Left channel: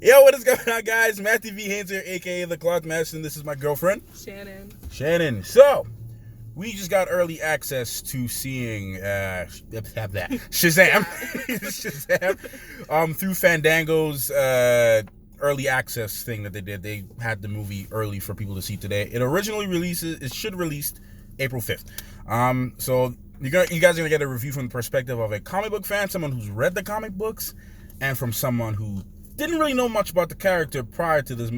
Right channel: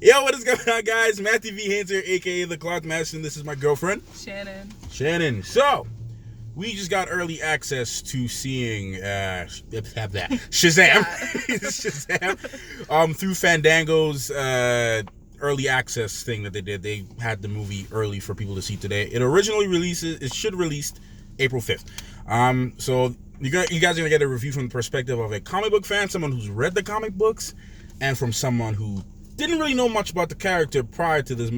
Yo, what is going on, guys? Matthew V. Hands here, aka the Cloth Master, and this is my girlfriend, Shannon. So, we just got early access to seeing Shazam, Shazam, through Fandango's early access thing that they did. They had the movie early for people to see today. It should release April 5th. So you guys are gonna get a review from the perspective of a comic book fan, someone who's read the comic books, and from someone who didn't really know much about the character prior to this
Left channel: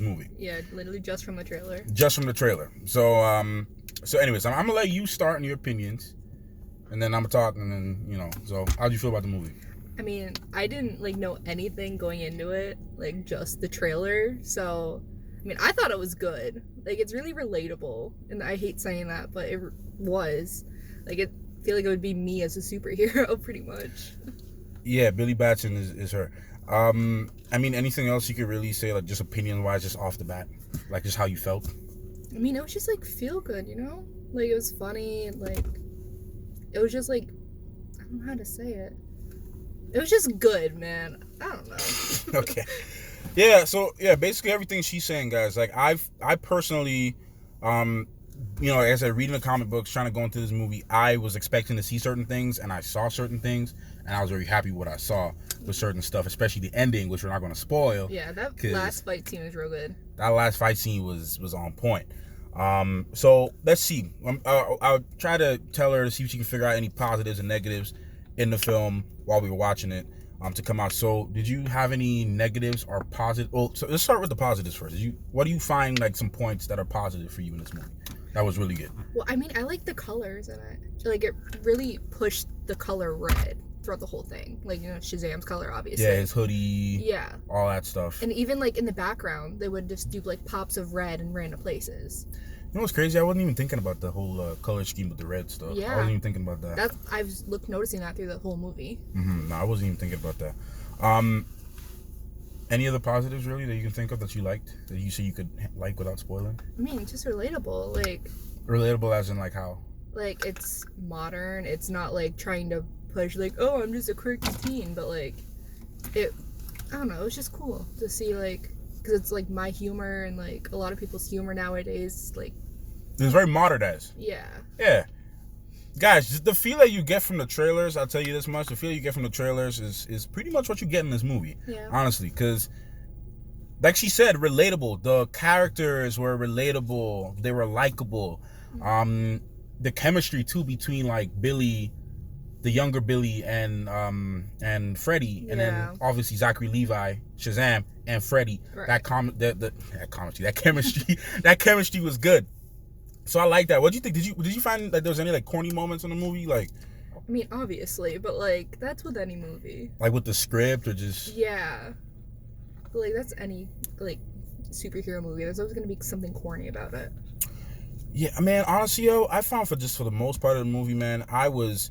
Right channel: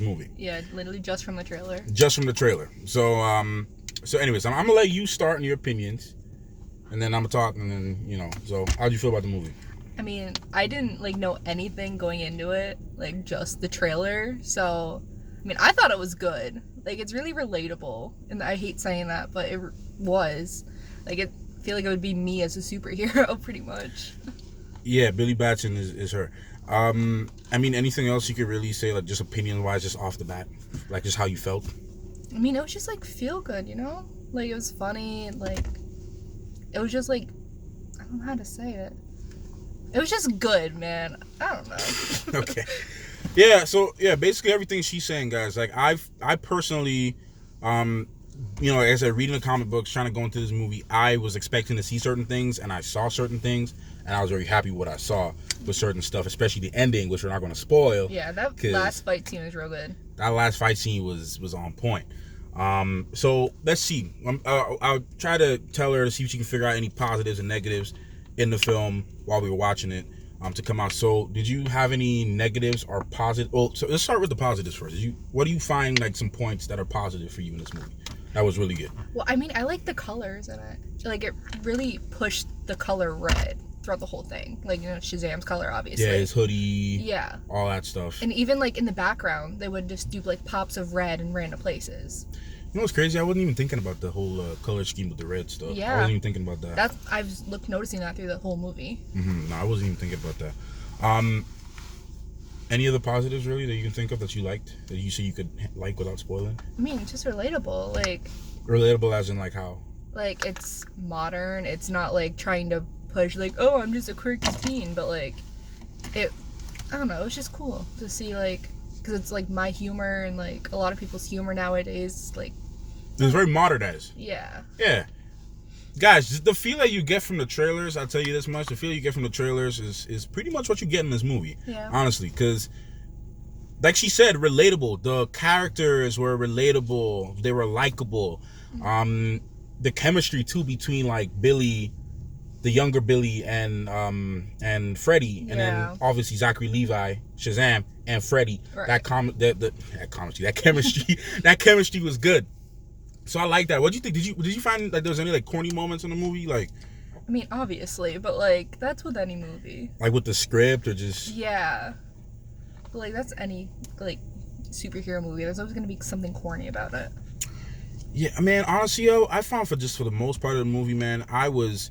movie. Yeah, literally just from the trailer. So anyways, I'm gonna let you start in your opinions, and then I'm gonna talk, and then So how'd you feel about the movie? I mean, I didn't know anything going into it, just the trailer. So, I mean, I thought it was good. It's really relatable, and I hate saying that, but it was. I feel like it would be me as a superhero, pretty much. Yeah, Billy Batson is her. I mean, anything else you could really say, just opinion-wise, just off the bat, just how you felt? I mean, it was just feel good, it was funny, it was just I don't know how to say it. It was just good, man. I don't know. Okay. Yeah. So basically everything she's saying, guys. I personally, as I reading the comic books, trying to go into this movie, I was expecting to see certain things, and I saw certain things, and I was very happy with what I saw with certain stuff, especially the ending, which we're not going to spoil. Yeah, that last fight scene was real good. That last fight scene was on point. So let's see. I'll try to tell her to see if she can figure out any positives and negatives in the film while we were watching it to come out. So did you have any negatives or positive? Well, so let's start with the positives first. What do you find some points that are positive for you in this movie? That was really good. Well, I mean, I like the colors in it. It really pushed the color red throughout the whole thing. Shazam's color, obviously. Yeah, his hoodie. Yeah. All that stuff. And even in the background, they would just do pops of red in random places. You know what's crazy? I wasn't even thinking about the whole color scheme with the red stuff. Yeah. I wasn't even thinking about that. I was noticing that through the whole movie. No, I wasn't even thinking about that. Any other positives really that you can think of that you liked, that you say you could like without spoiling? I mean, it's just relatable. Relatable as in how? It's modern. It's not trying to push oh, I'm just a quirky teen, but I don't know, it was just cool to see because it's my humor and a lot of people's humor nowadays It's very modernized. Yeah. Guys, the feel that you get from the trailers, I'll tell you this much, the feel you get from the trailers is pretty much what you get in this movie. Yeah. Honestly, because like she said, relatable. The characters were relatable. They were likable. Mm-hmm. The chemistry too between Billy, the younger Billy, and Freddy, and then obviously Zachary Levi, Shazam, and Freddy. Right. That chemistry was good. So I like that. What do you think? Did you find there was any corny moments in the movie? I mean, obviously, but that's with any movie. With the script or just. Yeah. But that's any superhero movie. There's always gonna be something corny about it. Yeah, man. Honestly, I found for the most part of the movie, man, I was,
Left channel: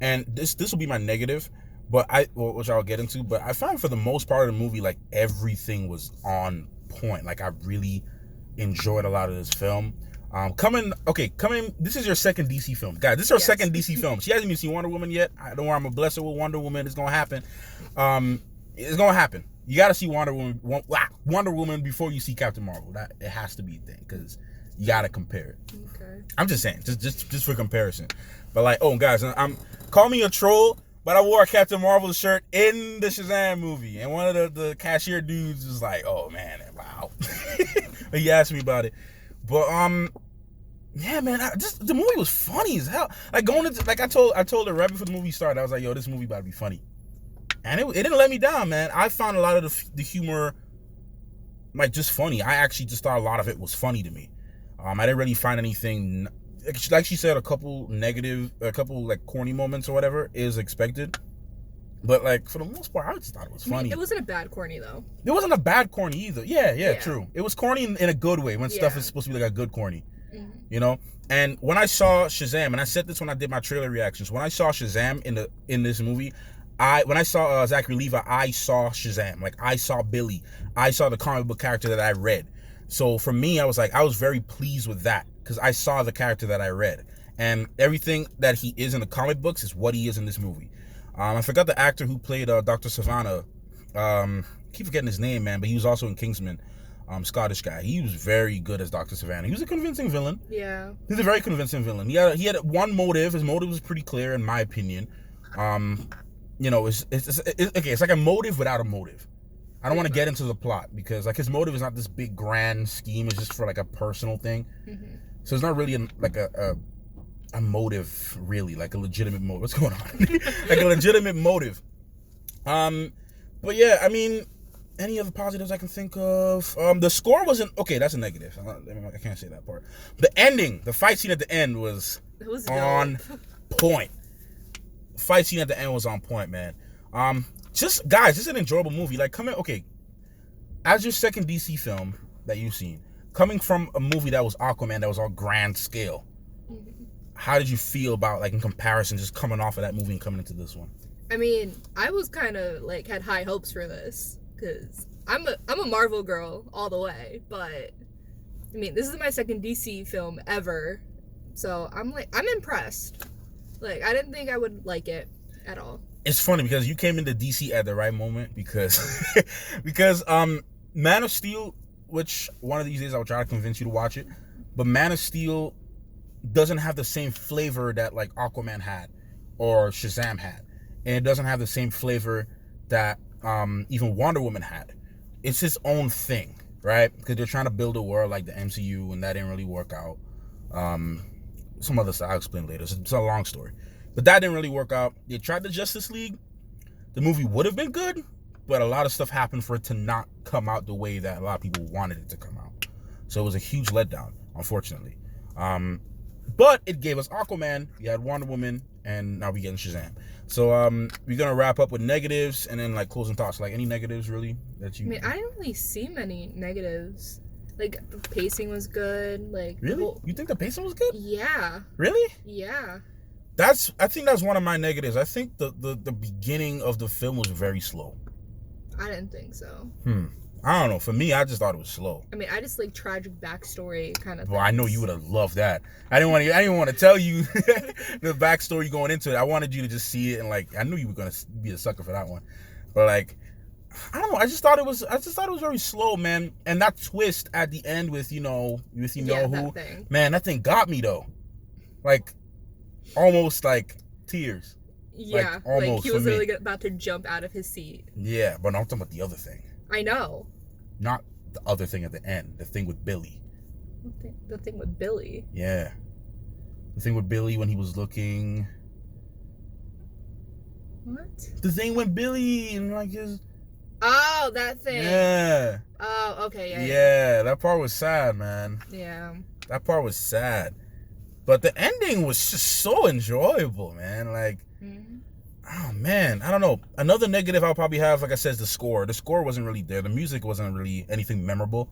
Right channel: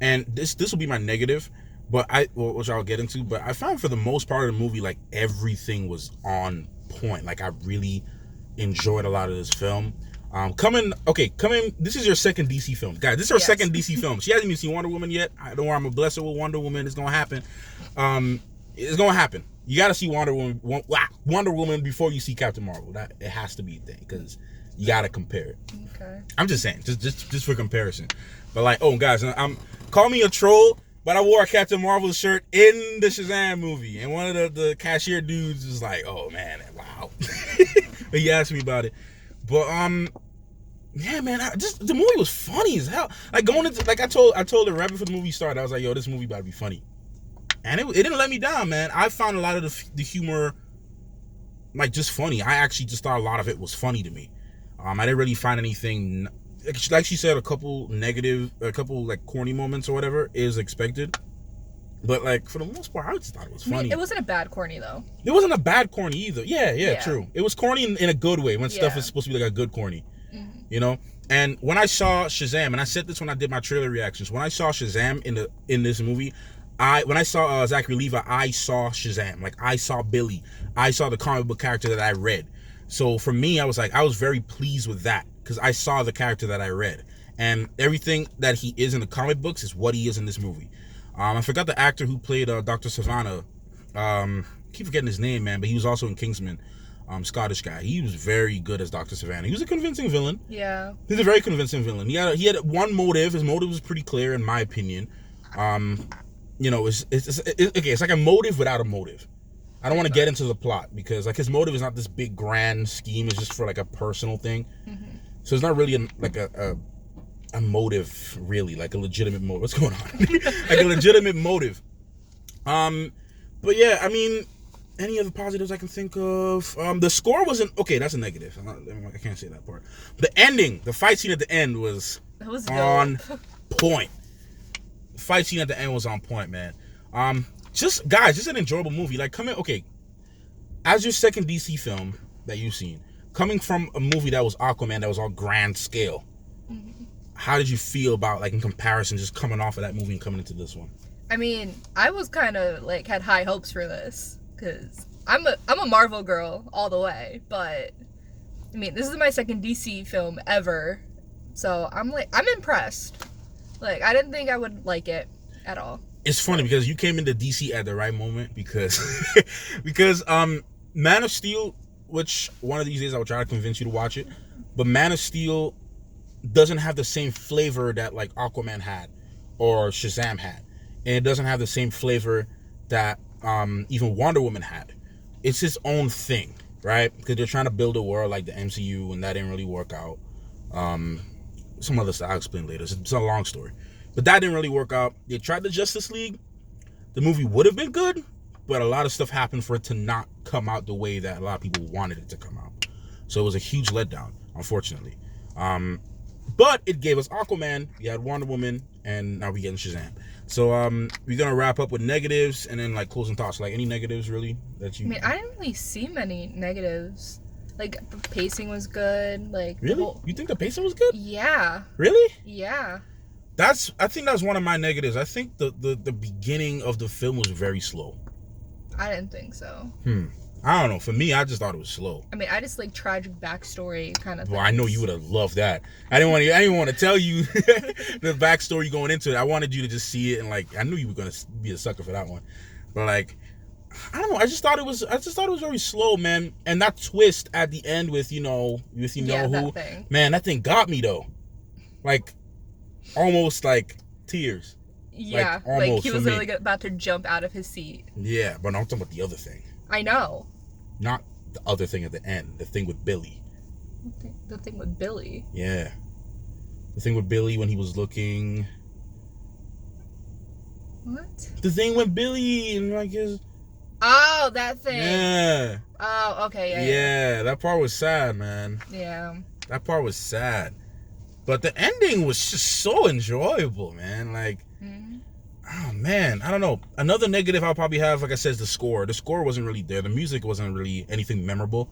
and this will be my negative, but which I'll get into. But I found for the most part of the movie, everything was on point. I really enjoyed a lot of this film. This is your second DC film, guys. This is our second DC film. She hasn't even seen Wonder Woman yet. Don't worry, I'm gonna bless her with Wonder Woman. It's gonna happen. It's gonna happen. You gotta see Wonder Woman before you see Captain Marvel. That it has to be a thing because you gotta compare it. Okay. I'm just saying, just for comparison. But guys, call me a troll, but I wore a Captain Marvel shirt in the Shazam movie, and one of the cashier dudes was like, "Oh man, wow." He asked me about it. But yeah, man, the movie was funny as hell. Going into I told her right before the movie started, I was like, "Yo, this movie about to be funny," and it didn't let me down, man. I found a lot of the humor just funny. I actually just thought a lot of it was funny to me. I didn't really find anything like she said. A couple corny moments or whatever is expected. But for the most part, I just thought it was funny. I mean, it wasn't a bad corny though. It wasn't a bad corny either. Yeah, true. It was corny in a good way when stuff is supposed to be a good corny. Mm-hmm. And when I saw Shazam, and I said this when I did my trailer reactions, when I saw Shazam in this movie, when I saw Zachary Levi, I saw Shazam. I saw Billy. I saw the comic book character that I read. So for me, I was very pleased with that because I saw the character that I read, and everything that he is in the comic books is what he is in this movie. I forgot the actor who played Dr. Savannah. keep forgetting his name, man, but he was also in Kingsman. Scottish guy. He was very good as Dr. Savannah. He was a convincing villain. Yeah. He's a very convincing villain. He had one motive. His motive was pretty clear, in my opinion. It's like a motive without a motive. I don't want to get into the plot because like his motive is not this big grand scheme. It's just for like a personal thing. Mm-hmm. So it's not really a motive, really, like a legitimate motive. What's going on? Like a legitimate motive. But yeah, I mean, any other positives I can think of? The score wasn't okay. That's a negative. I can't say that part. The ending, the fight scene at the end was on point. The fight scene at the end was on point, man. Just an enjoyable movie. Like as your second DC film that you've seen, coming from a movie that was Aquaman, that was on grand scale. Mm-hmm. How did you feel about, like, in comparison, just coming off of that movie and coming into this one? I mean, I was kind of like had high hopes for this because I'm a Marvel girl all the way, but I mean, this is my second DC film ever, so I'm impressed. Like, I didn't think I would like it at all. It's funny because you came into DC at the right moment because Man of Steel, which one of these days I will try to convince you to watch it, but Man of Steel doesn't have the same flavor that like Aquaman had or Shazam had. And it doesn't have the same flavor that even Wonder Woman had. It's its own thing, right? Because they're trying to build a world like the MCU, and that didn't really work out. Some other stuff I'll explain later. It's a long story. But that didn't really work out. They tried the Justice League. The movie would have been good, but a lot of stuff happened for it to not come out the way that a lot of people wanted it to come out. So it was a huge letdown, unfortunately. But it gave us Aquaman, we had Wonder Woman, and now we're getting Shazam. So we're gonna wrap up with negatives and then like closing thoughts. Like any negatives really that you? I mean, I didn't really see many negatives. Like the pacing was good. Like really, you think the pacing was good? Yeah. Really? Yeah. I think that's one of my negatives. I think the beginning of the film was very slow. I didn't think so. I don't know. For me, I just thought it was slow. I mean, I just like tragic backstory kind of. Well, I know you would have loved that. I didn't want to tell you the backstory going into it. I wanted you to just see it and like I knew you were gonna be a sucker for that one. But like, I don't know. I just thought it was very slow, man. And that twist at the end with who, that thing. Man, that thing got me though. Like, almost like tears. Yeah, like he was literally about to jump out of his seat. Yeah, but I'm talking about the other thing. I know. Not the other thing at the end. The thing with Billy. The thing with Billy? Yeah. The thing with Billy when he was looking... What? The thing with Billy and like his... Oh, that thing. Yeah. Oh, okay, yeah. That part was sad, man. Yeah. That part was sad. But the ending was just so enjoyable, man. Like... Mm-hmm. Oh man, I don't know. Another negative I'll probably have, like I said, is the score. The score wasn't really there. The music wasn't really anything memorable.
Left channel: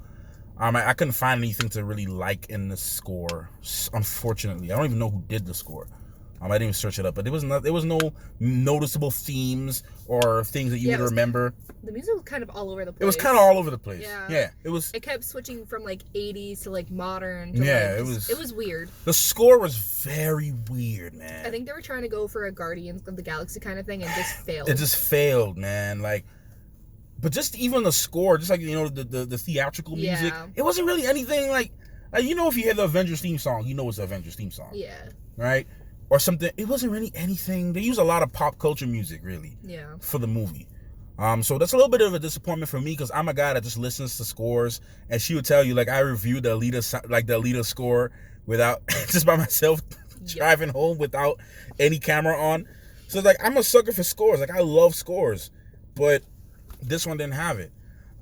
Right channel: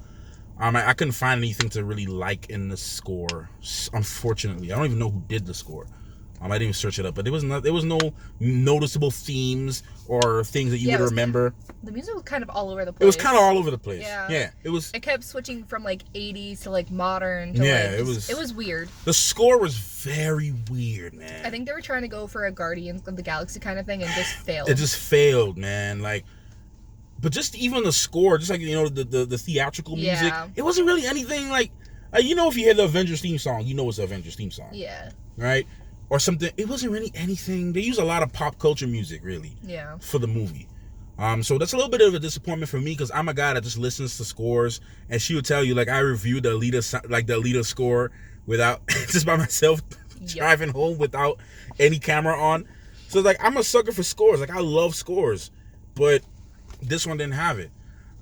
I couldn't find anything to really like in the score. Unfortunately, I don't even know who did the score. I didn't even search it up, but there was no noticeable themes or things that you would remember. The music was kind of all over the place. It was kind of all over the place. Yeah. It was. It kept switching from like 80s to like modern. To it was weird. The score was very weird, man. I think they were trying to go for a Guardians of the Galaxy kind of thing and just failed. It just failed, man. Like, but just even the score, just like the theatrical music, it wasn't really anything like if you hear the Avengers theme song, you know it's the Avengers theme song. Yeah. Right. Or something. It wasn't really anything. They use a lot of pop culture music, really. Yeah. For the movie. So that's a little bit of a disappointment for me because I'm a guy that just listens to scores, and she would tell you like I reviewed the Alita score without just by myself driving home without any camera on. So like I'm a sucker for scores. Like I love scores, but this one didn't have it.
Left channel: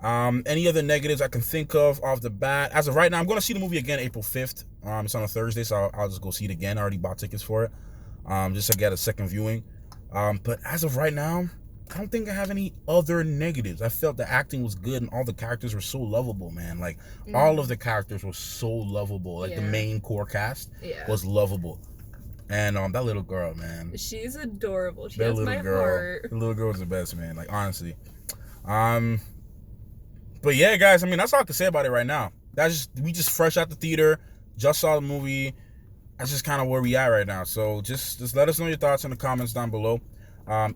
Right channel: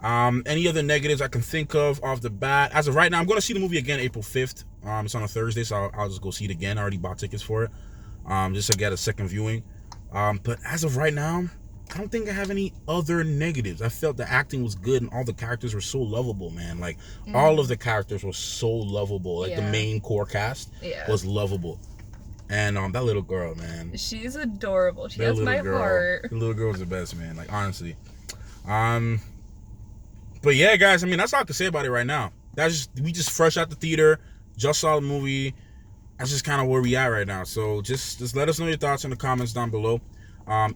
Any other negatives I can think of off the bat? As of right now, I'm going to see the movie again April 5th. It's on a Thursday, so I'll just go see it again. I already bought tickets for it, just to get a second viewing. But as of right now, I don't think I have any other negatives. I felt the acting was good and all the characters were so lovable, man. Like all of the characters were so lovable. Like the main core cast was lovable. And that little girl, man. She's adorable. She has my heart. The little girl's the best, man. Like honestly. But yeah, guys, I mean that's all I can say about it right now. We just fresh out the theater, just saw the movie. That's just kind of where we at right now. So just let us know your thoughts in the comments down below.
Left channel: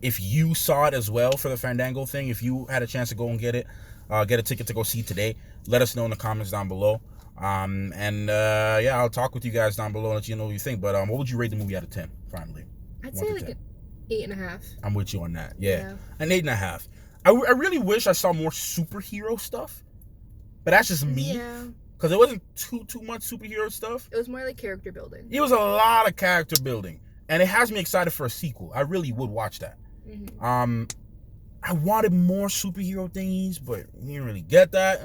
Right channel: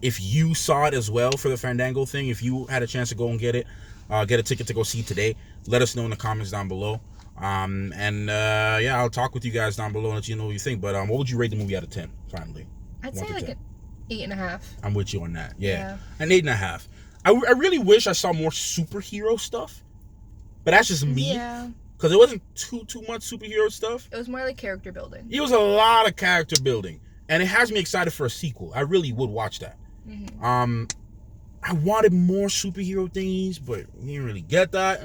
If you saw it as well for the Fandango thing, if you had a chance to go and get a ticket to go see today, let us know in the comments down below. Yeah, I'll talk with you guys down below and let you know what you think. But what would you rate the movie out of 10? Finally, I'd say like 10. an 8.5. I'm with you on that. Yeah. An 8.5. I really wish I saw more superhero stuff, but that's just me. Yeah. Because it wasn't too much superhero stuff. It was more like character building. It was a lot of character building, and it has me excited for a sequel. I really would watch that. Mm-hmm. I wanted more superhero things, but we didn't really get that.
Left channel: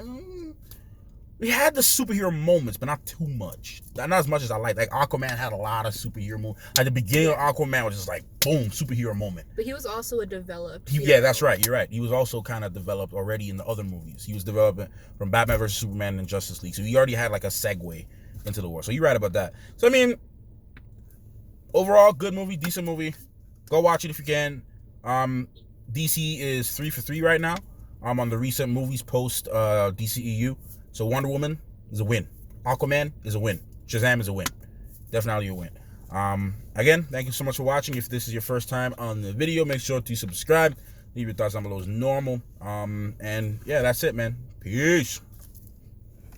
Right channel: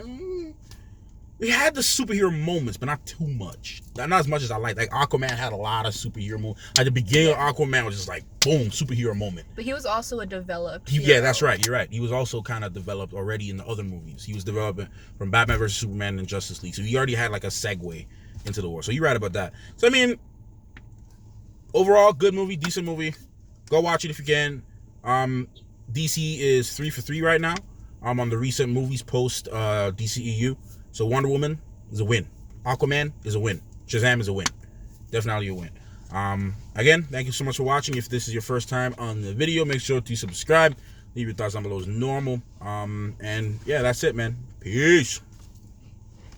We had the superhero moments, but not too much. Not as much as I liked. Like Aquaman had a lot of superhero moments. At the beginning of Aquaman was just like boom, superhero moment. But he was also a developed Yeah, that's right. You're right. He was also kind of developed already in the other movies. He was developing from Batman vs Superman and Justice League, so he already had like a segue into the war. So you're right about that. So I mean, overall, good movie, decent movie. Go watch it if you can. DC is 3 for 3 right now. On the recent movies post DCEU. So Wonder Woman is a win. Aquaman is a win. Shazam is a win. Definitely a win. Again, thank you so much for watching. If this is your first time on the video, make sure to subscribe. Leave your thoughts down below as normal. And yeah, that's it, man. Peace.